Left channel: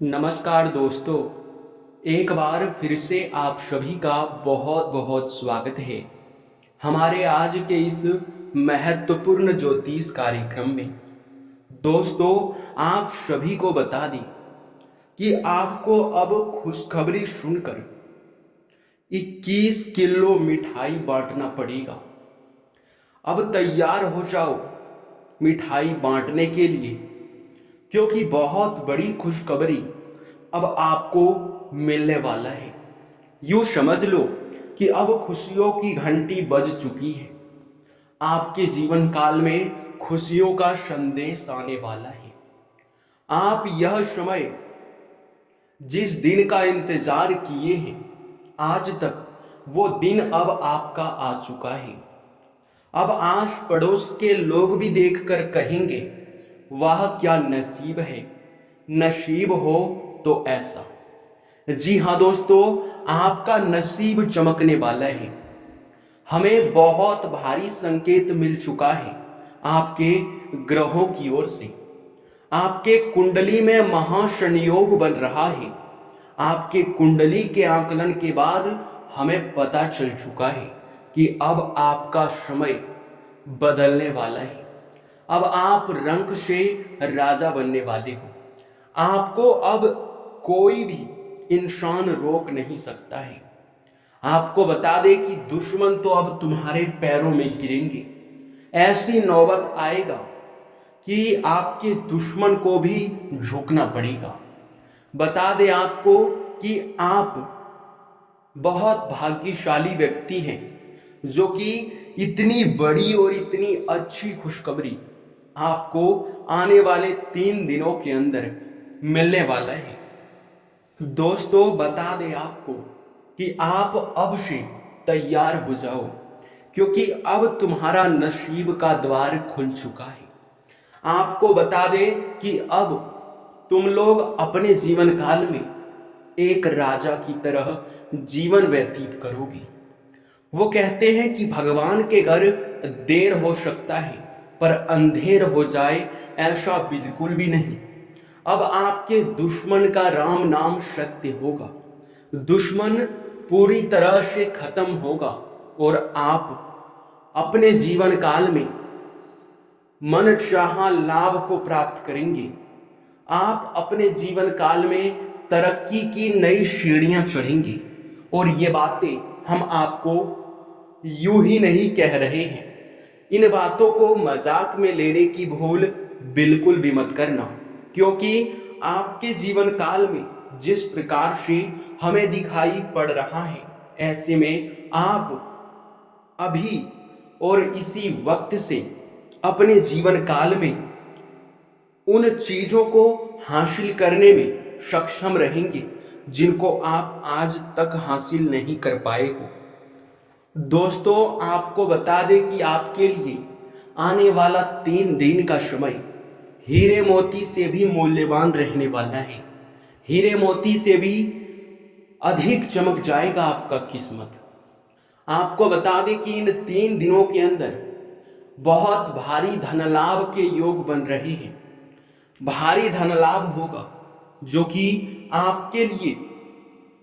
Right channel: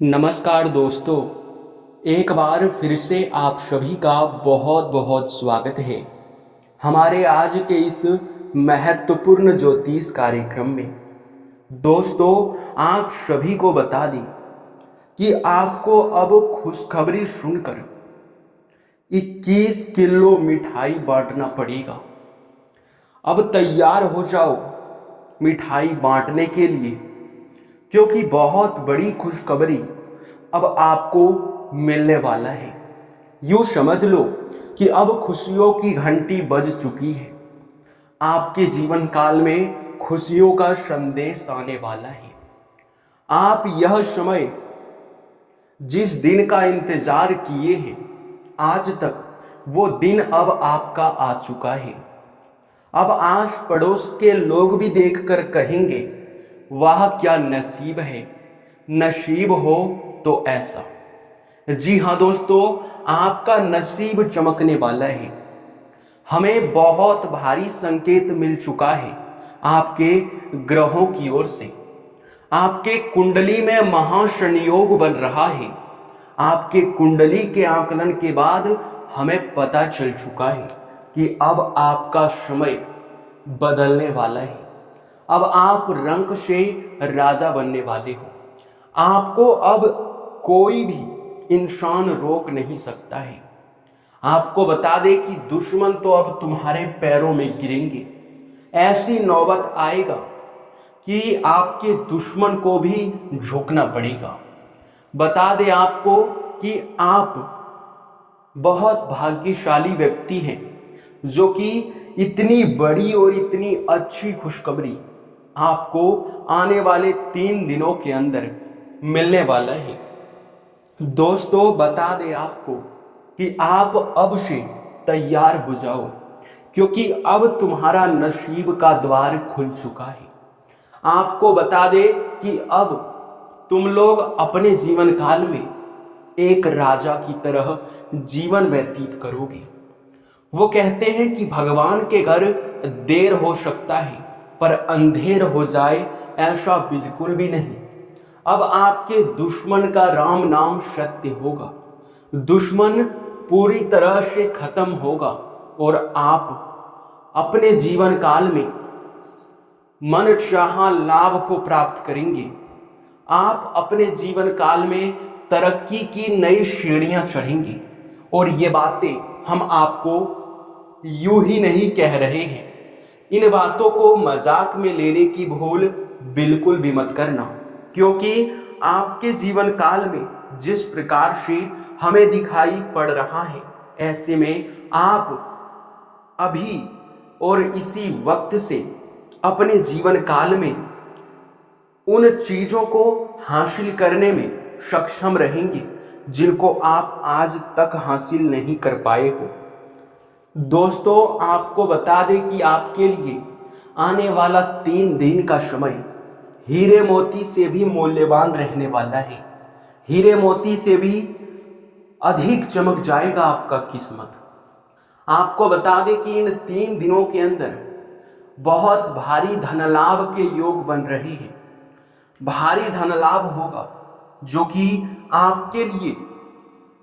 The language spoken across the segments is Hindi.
नमस्कार दोस्तों। एक बार फिर से आप सभी का बहुत बहुत स्वागत है हमारे आज के इस महत्वपूर्ण ज्योतिष कार्यक्रम में। दोस्तों, आप सभी को बता दें कि आपको अब खुशखबरी सुनकर 21 किलो मिठाई बांटना पड़ेगा। अब तैयार हो जाओ मिठाई बांटने के लिए, क्योंकि बहुत बड़ी खुशखबरी अब आपको मिलने वाला है। यूं समझ लो कि अब खुशियों की घंटी बज चुकी है। आपके जीवन काल में खुशियों का संदेश आने वाला है। आप यह समय जिस दिन का इंतजार किए हैं आज तक, वो दिन अब आपका आ चुका है। अब आस पड़ोस के लोग भी देखकर कहेंगे, वाह क्या नसीब है, नसीब हो तो ऐसा। जी हाँ दोस्तों, आपका नसीब चमकने वाला है। हमें बहुत भारी संकेत मिल चुका है आपके ग्रहों की ओर से। आपके कुंडली में महासंयोग बन रहा है। आपके कुंडली के आकलन के बाद हमें पता चल चुका है कि अब आपका समय बदलने वाला है। अब आप रंक से राजा बनने वाले हो। आपको अब कोई भी इंसान रोक नहीं सकता है। आपको बता दे कि दुश्मन तो अब तुम्हारे पैरों में गिरेंगे। ऐसी नौबत आएगा कि आपके दुश्मन को भी झुकना पड़ेगा। बता दे आपको कि आप बहुत भाग्यशाली व्यक्ति हैं, जो कि इतनी बड़ी और इतनी अच्छी खुशखबरी आपको आने वाले 3 दिनों के अंदर मिलने वाला है। दोस्तों, बता दें आपको कि आप अब से तैयार हो जाओ, क्योंकि अब तुम्हारा नसीब का द्वार खुल चुका है। आपको बता दें कि अब तुम लोग अपने जीवन काल में एक राजा की तरह जीवन व्यतीत करोगे। वो कहते हैं कि भगवान के घर देर हो सकता है, पर अंधेर हो जाए ऐसा बिल्कुल भी नहीं। अब आपके दुश्मन का राम नाम सत्य होगा। दुश्मन पूरी तरह से खत्म होगा और आप अपने जीवन काल में मन चाहा लाभ को प्राप्त करेंगे। आप अपने जीवन काल में तरक्की की नई सीढ़ियां चढ़ेंगे। और ये बातें हम आपको यूं ही नहीं कह रहे हैं। इन बातों को मजाक में लेने की भूल बिल्कुल भी मत करना, क्योंकि आपके जीवन काल में जिस प्रकार से हमें दिखाई पड़ रहा है, ऐसे में आप अभी और इसी वक्त से अपने जीवन काल में उन चीजों को हासिल करने में सक्षम रहेंगे जिनको आप आज तक हासिल नहीं कर पाए हो। दोस्तों, आपको बता दें कि आपके लिए आने वाला 3 दिन का समय हीरे मोती से भी मूल्यवान रहने वाला है। हीरे मोती से भी अधिक चमक जाएगा आपका किस्मत। आपको बता दें कि इन 3 दिनों के अंदर बहुत भारी धन लाभ के योग बन रहे हैं। भारी धन लाभ होगा, जो कि आपके लिए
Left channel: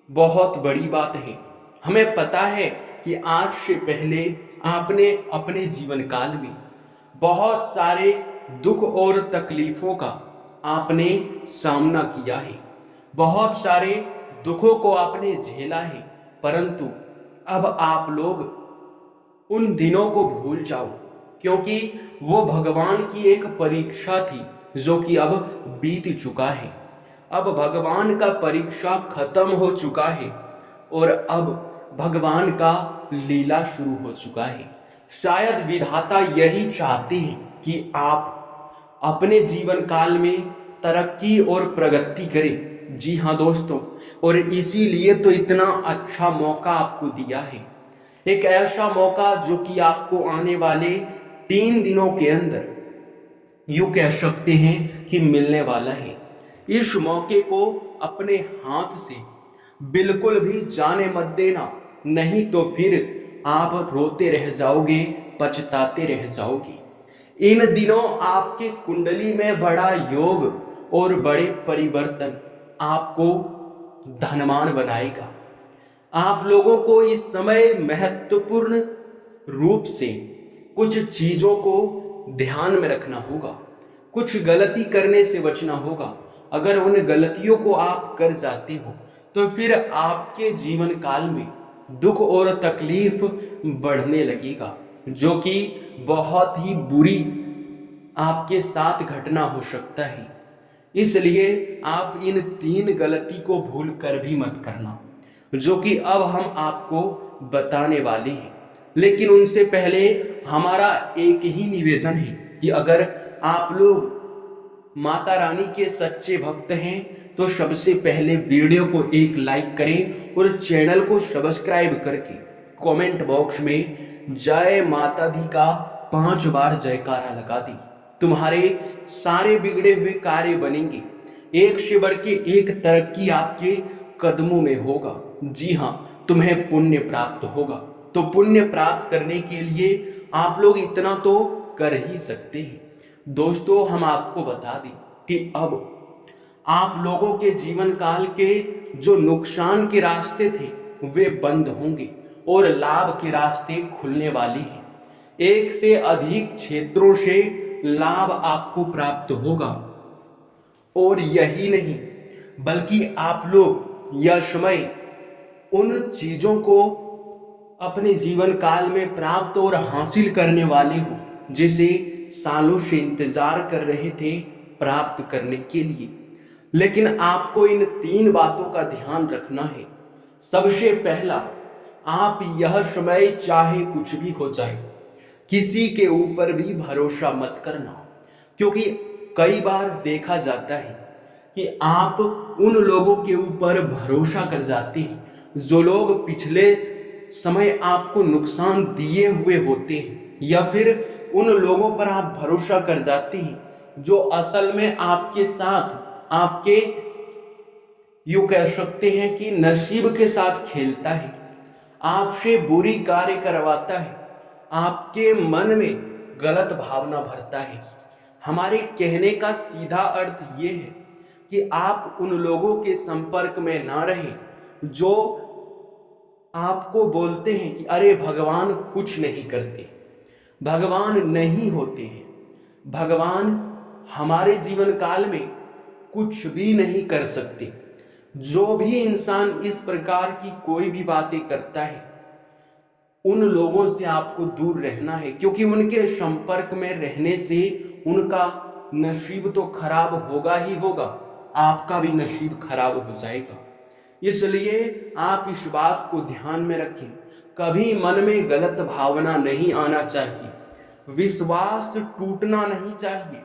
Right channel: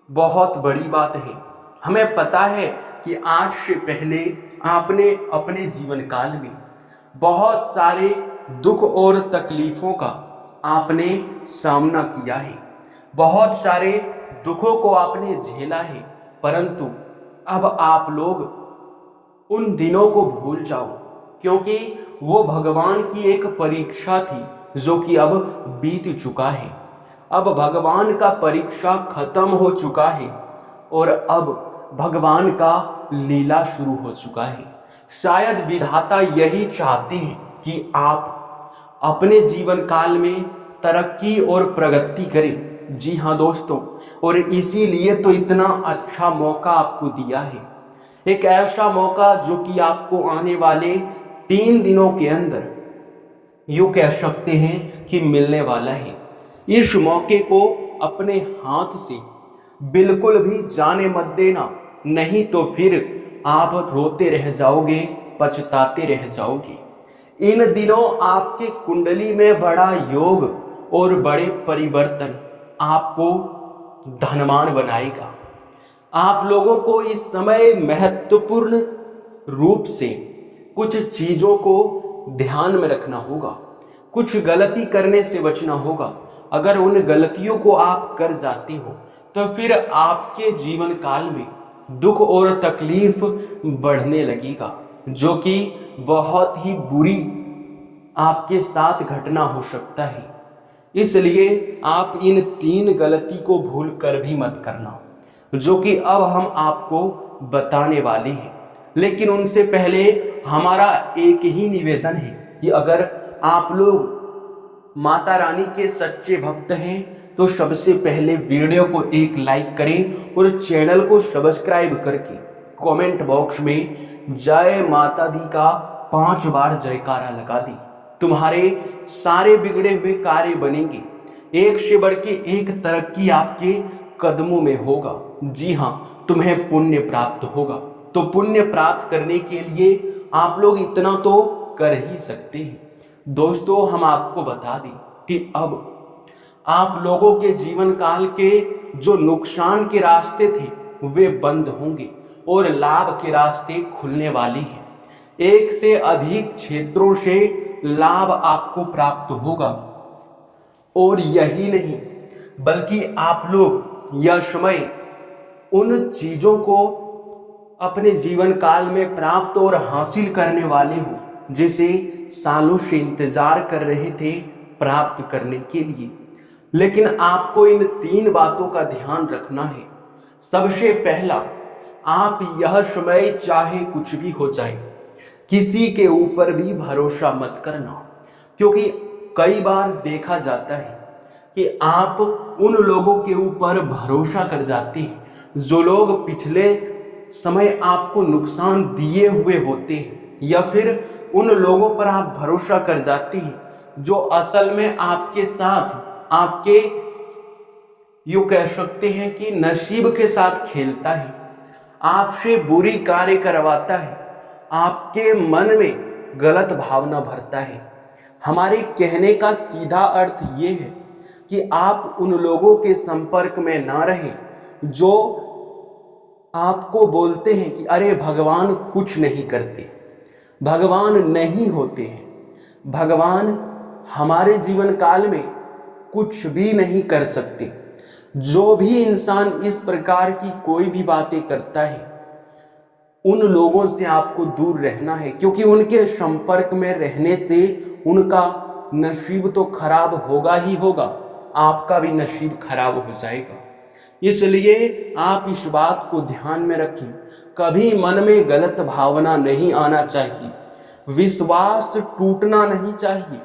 बहुत बड़ी बात है। हमें पता है कि आज से पहले आपने अपने जीवन काल में बहुत सारे दुख और तकलीफों का आपने सामना किया है। बहुत सारे दुखों को आपने झेला है, परंतु अब आप लोग उन दिनों को भूल जाओ, क्योंकि वो भगवान की एक परीक्षा थी जो कि अब बीत चुका है। अब भगवान का परीक्षा खत्म हो चुका है और अब भगवान का लीला शुरू हो चुका है। शायद विधाता यही चाहते हैं कि आप अपने जीवन काल में तरक्की और प्रगति करें। जी हाँ दोस्तों, और इसीलिए तो इतना अच्छा मौका आपको दिया है। एक ऐसा मौका जो कि आपको आने वाले 3 दिनों के अंदर यूं कह सकते हैं कि मिलने वाला है। इस मौके को अपने हाथ से बिल्कुल भी जाने मत देना, नहीं तो फिर आप रोते रह जाओगे, पछताते रह जाओगे। इन दिनों आपके कुंडली में बड़ा योग और बड़े परिवर्तन आपको धनवान बनाएगा। आप लोगों को इस समय महत्वपूर्ण रूप से कुछ चीज़ों को ध्यान में रखना होगा, कुछ गलती करने से बचना होगा। अगर उन गलतियों को आप कर जाते हो तो फिर आपके जीवन काल में दुख और तकलीफ बढ़ने लगेगा, जो कि बहुत ही बुरी आपके साथ घटना हो सकता है। इसलिए आप इन 3 गलती को भूल कर भी मत करना, जो कि अब हम आपको बताने वाले हैं। लेकिन उनसे पहले हमारा एक ही निवेदन है कि अगर आप लोग माता रानी के सच्चे भक्त हैं तो सबसे पहले वीडियो को एक लाइक करें और चैनल को सब्सक्राइब करके कमेंट बॉक्स में जय माता दी का 5 बार जयकारा लगा दी। तुम्हारे सारे बिगड़े हुए कार्य बनेंगे, एक से बढ़ के एक तरक्की आपके कदमों में होगा। जी हाँ, तुम्हें पुण्य प्राप्त होगा। तो पुण्य प्राप्त करने के लिए आप लोग इतना तो कर ही सकते हैं। दोस्तों, हम आपको बता दें कि अब आप लोगों के जीवन काल के जो नुकसान के रास्ते थे वे बंद होंगे और लाभ के रास्ते खुलने वाली हैं। एक से अधिक क्षेत्रों से लाभ आपको प्राप्त होगा। और यही नहीं, बल्कि आप लोग यह समय उन चीजों को अपने जीवन काल में प्राप्त और हासिल करने वाले हो जिसे सालों से इंतजार कर रहे थे प्राप्त करने के लिए। लेकिन आपको इन 3 बातों का ध्यान रखना है। सबसे पहला, आप यह समय चाहे कुछ भी हो जाए, किसी के ऊपर भी भरोसा मत करना, क्योंकि कई बार देखा जाता है कि आप उन लोगों के ऊपर भरोसा कर जाते हैं जो लोग पिछले समय आपको नुकसान दिए हुए होते हैं, या फिर उन लोगों पर आप भरोसा कर जाते हैं जो असल में आपके साथ आपके यूं कह सकते हैं कि नसीब के साथ खेलता है, आपसे बुरी कार्य करवाता है, आपके मन में गलत भावना भरता है। हमारे कहने का सीधा अर्थ ये है कि आप उन लोगों के संपर्क में ना रहें जो आपको बोलते हैं कि अरे भगवान कुछ नहीं करते, भगवान नहीं होते हैं, भगवान हमारे जीवन काल में कुछ भी नहीं कर सकते। जो भी इंसान इस प्रकार की कोई भी बातें करता है, उन लोगों से आपको दूर रहना है, क्योंकि उनके संपर्क में रहने से उनका नसीब तो खराब होगा ही होगा, आपका भी नसीब खराब हो जाएगा। इसलिए आप इस बात को ध्यान में रखें, कभी मन में गलत भावना नहीं आना चाहिए, विश्वास टूटना नहीं चाहिए,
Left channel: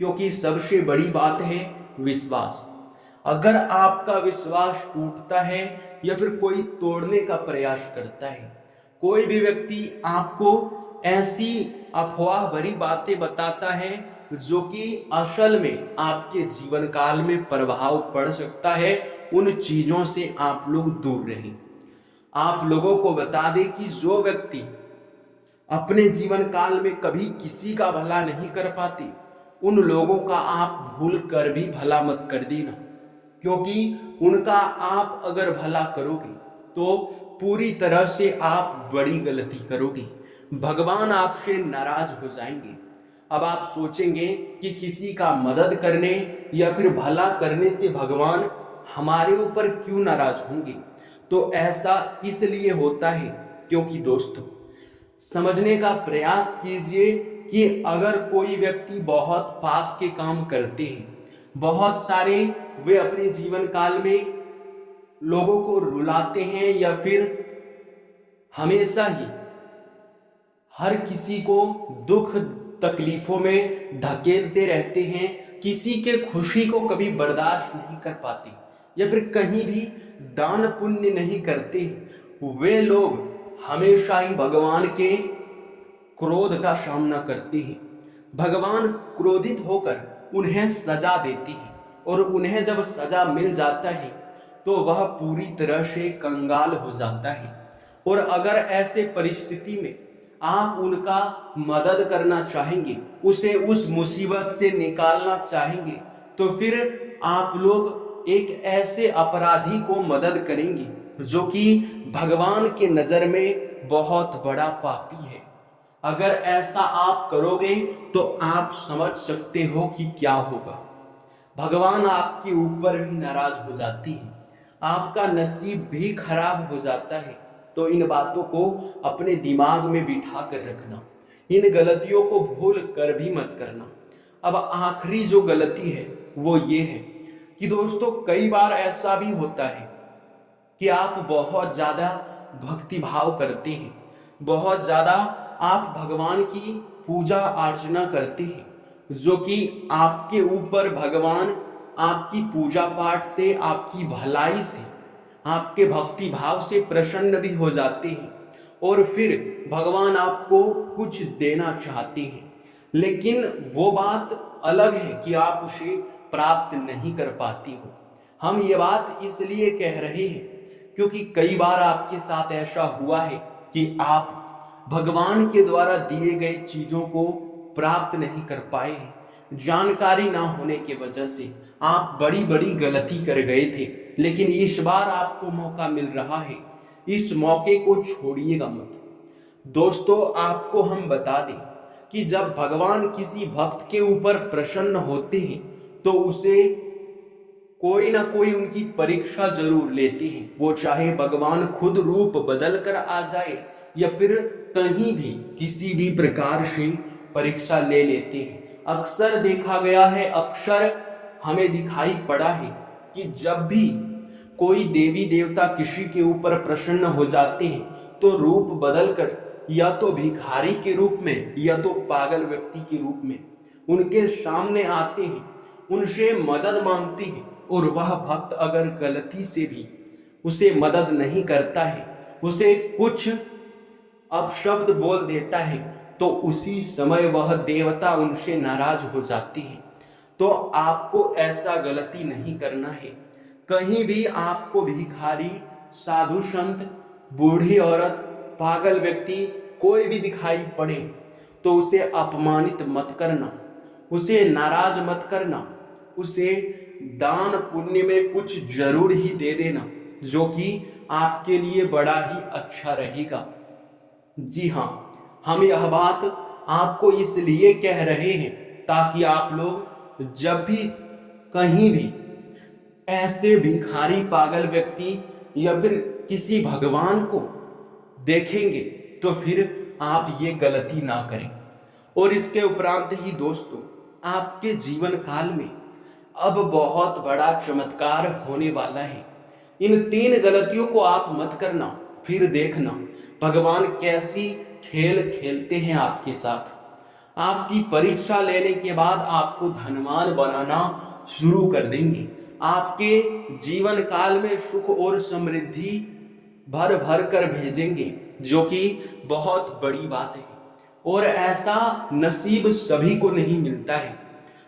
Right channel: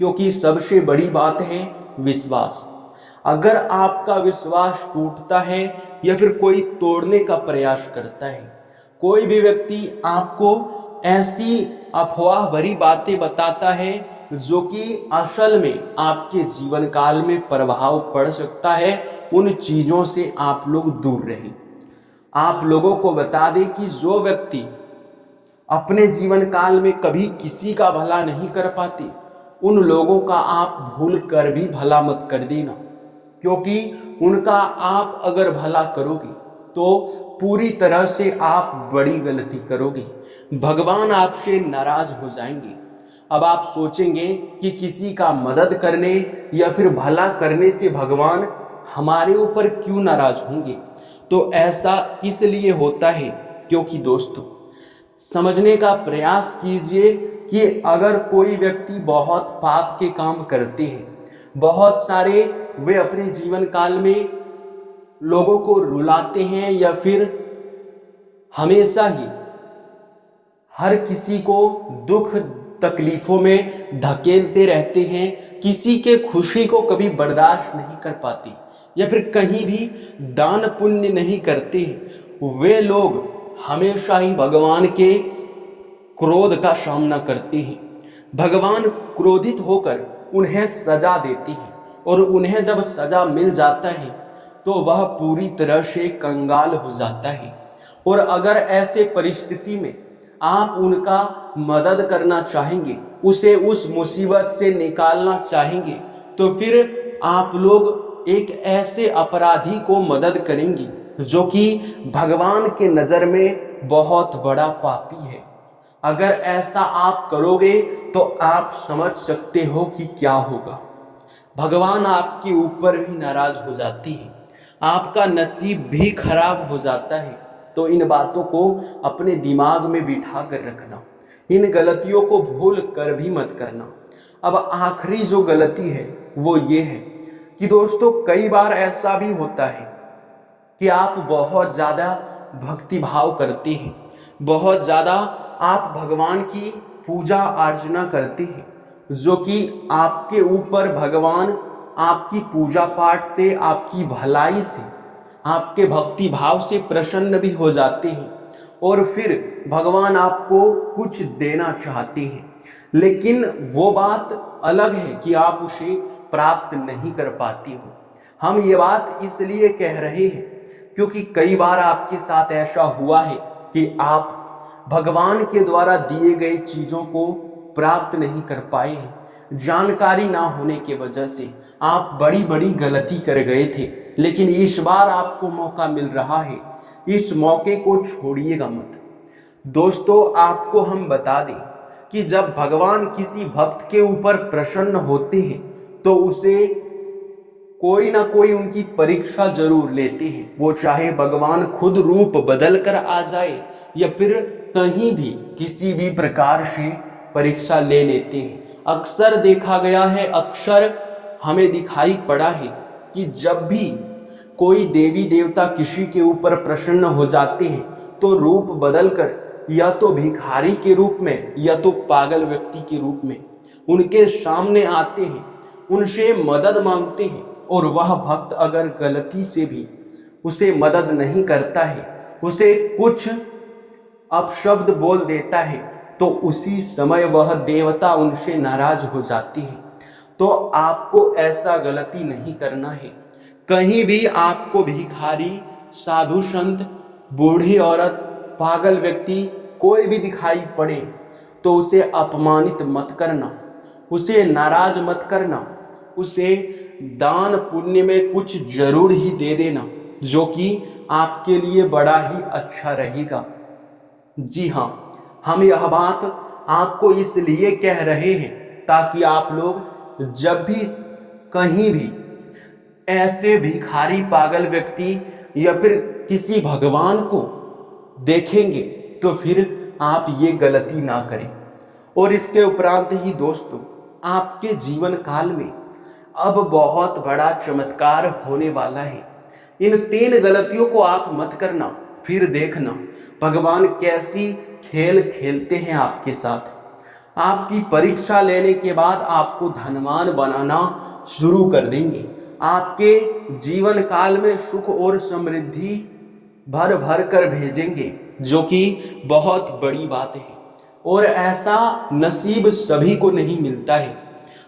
क्योंकि सबसे बड़ी बात है विश्वास। अगर आपका विश्वास टूटता है या फिर कोई तोड़ने का प्रयास करता है, कोई भी व्यक्ति आपको ऐसी अफवाह भरी बातें बताता है जो कि असल में आपके जीवन काल में प्रभाव पड़ सकता है, उन चीजों से आप लोग दूर रहें। आप लोगों को बता दें कि जो व्यक्ति अपने जीवन काल में कभी किसी का भला नहीं कर पाते, उन लोगों का आप भूल कर भी भला मत कर देना, क्योंकि उनका आप अगर भला करोगे तो पूरी तरह से आप बड़ी गलती करोगे, भगवान आपसे नाराज हो जाएंगे। अब आप सोचेंगे कि किसी का मदद करने या फिर भला करने से भगवान हमारे ऊपर क्यों नाराज होंगे। तो ऐसा इसलिए होता है क्योंकि दोस्तों, समझने का प्रयास कीजिए कि अगर कोई व्यक्ति बहुत पाप के काम करते हैं, बहुत सारे वे अपने जीवन काल में लोगों को रुलाते हैं या फिर हमेशा ही हर किसी को दुख तकलीफों में धकेलते रहते हैं, किसी के खुशी को कभी बर्दाश्त नहीं कर पाते या फिर कहीं भी दान पुण्य नहीं करते, वे लोग हमेशा ही भगवान के क्रोध का सामना करते हैं। भगवान क्रोधित होकर उन्हें सजा देते हैं और उन्हें जब सजा मिल जाता है तो वह पूरी तरह से कंगाल हो जाता है। और अगर ऐसे परिस्थिति में आप उनका मदद करना चाहेंगे, उसे उस मुसीबत से निकालना चाहेंगे, तो फिर आप लोग एक ऐसे अपराधी को मदद करेंगी जो कि भगवान के नज़र में बहुत बड़ा पापी है। अगर ऐसा आप करोगे तो आप समझ सकते हो कि क्या होगा। भगवान आपके ऊपर भी नाराज हो जाती है, आपका नसीब भी खराब हो जाता है। तो इन बातों को अपने दिमाग में बिठा कर रखना, इन गलतियों को भूल कर भी मत करना। अब आखिरी जो गलती है वो ये है कि दोस्तों, कई बार ऐसा भी होता है कि आप बहुत ज़्यादा भक्ति भाव करते हैं, बहुत ज़्यादा आप भगवान की पूजा अर्चना करते हैं, जो कि आपके ऊपर भगवान आपकी पूजा पाठ से, आपकी भलाई से, आपके भक्ति भाव से प्रसन्न भी हो जाते हैं और फिर भगवान आपको कुछ देना चाहते हैं, लेकिन वो बात अलग है कि आप उसे प्राप्त नहीं कर पाते हो। हम ये बात इसलिए कह रहे हैं क्योंकि कई बार आपके साथ ऐसा हुआ है कि आप भगवान के द्वारा दिए गए चीज़ों को प्राप्त नहीं कर पाए हैं। जानकारी ना होने की वजह से आप बड़ी बड़ी गलती कर गए थे, लेकिन इस बार आपको मौका मिल रहा है, इस मौके को छोड़िएगा मत। दोस्तों, आपको हम बता दें कि जब भगवान किसी भक्त के ऊपर प्रसन्न होते हैं तो उसे कोई ना कोई उनकी परीक्षा जरूर लेते हैं। वो चाहे भगवान खुद रूप बदल कर आ जाए या फिर कहीं भी किसी भी प्रकार से परीक्षा ले लेते हैं। अक्सर देखा गया है, अक्सर हमें दिखाई पड़ा है कि जब भी कोई देवी देवता किसी के ऊपर प्रसन्न हो जाते हैं तो रूप बदलकर या तो भिखारी के रूप में या तो पागल व्यक्ति के रूप में उनके सामने आते हैं, उनसे मदद मांगते हैं। और वह भक्त अगर गलती से भी उसे मदद नहीं करता है, उसे कुछ अपशब्द बोल देता है, तो उसी समय वह देवता उनसे नाराज हो जाते हैं। तो आपको ऐसा गलती नहीं करना है। कहीं भी आपको भिखारी, साधु संत, बूढ़ी औरत, पागल व्यक्ति कोई भी दिखाई पड़े तो उसे अपमानित मत करना, उसे नाराज मत करना, उसे दान पुण्य में कुछ जरूर ही दे देना, जो कि आपके लिए बड़ा ही अच्छा रहेगा। जी हाँ, हम यह बात आपको इसलिए कह रहे हैं ताकि आप लोग जब भी कहीं भी ऐसे भिखारी, पागल व्यक्ति या फिर किसी भगवान को देखेंगे तो फिर आप ये गलती ना करें। और इसके उपरांत ही दोस्तों, आपके जीवन काल में अब बहुत बड़ा चमत्कार होने वाला है। इन 3 गलतियों को आप मत करना, फिर देखना भगवान कैसी खेल खेलते हैं आपके साथ। आपकी परीक्षा लेने के बाद आपको धनवान बनाना शुरू कर देंगे। आपके जीवन काल में सुख और समृद्धि भर भर कर भेजेंगे, जो कि बहुत बड़ी बात है। और ऐसा नसीब सभी को नहीं मिलता है।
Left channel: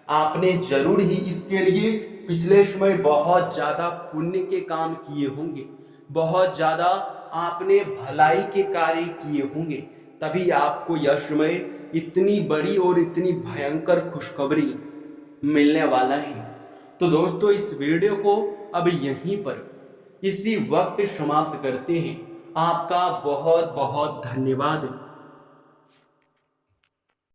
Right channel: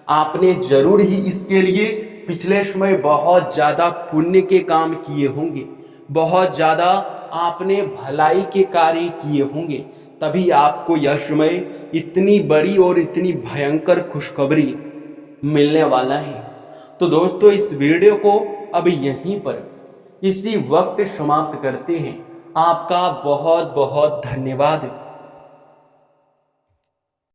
आपने जरूर ही इसके लिए पिछले समय बहुत ज़्यादा पुण्य के काम किए होंगे, बहुत ज़्यादा आपने भलाई के कार्य किए होंगे, तभी आपको यह समय इतनी बड़ी और इतनी भयंकर खुशखबरी मिलने वाला है। तो दोस्तों, इस वीडियो को अब यहीं पर इसी वक्त समाप्त करते हैं। आपका बहुत बहुत धन्यवाद।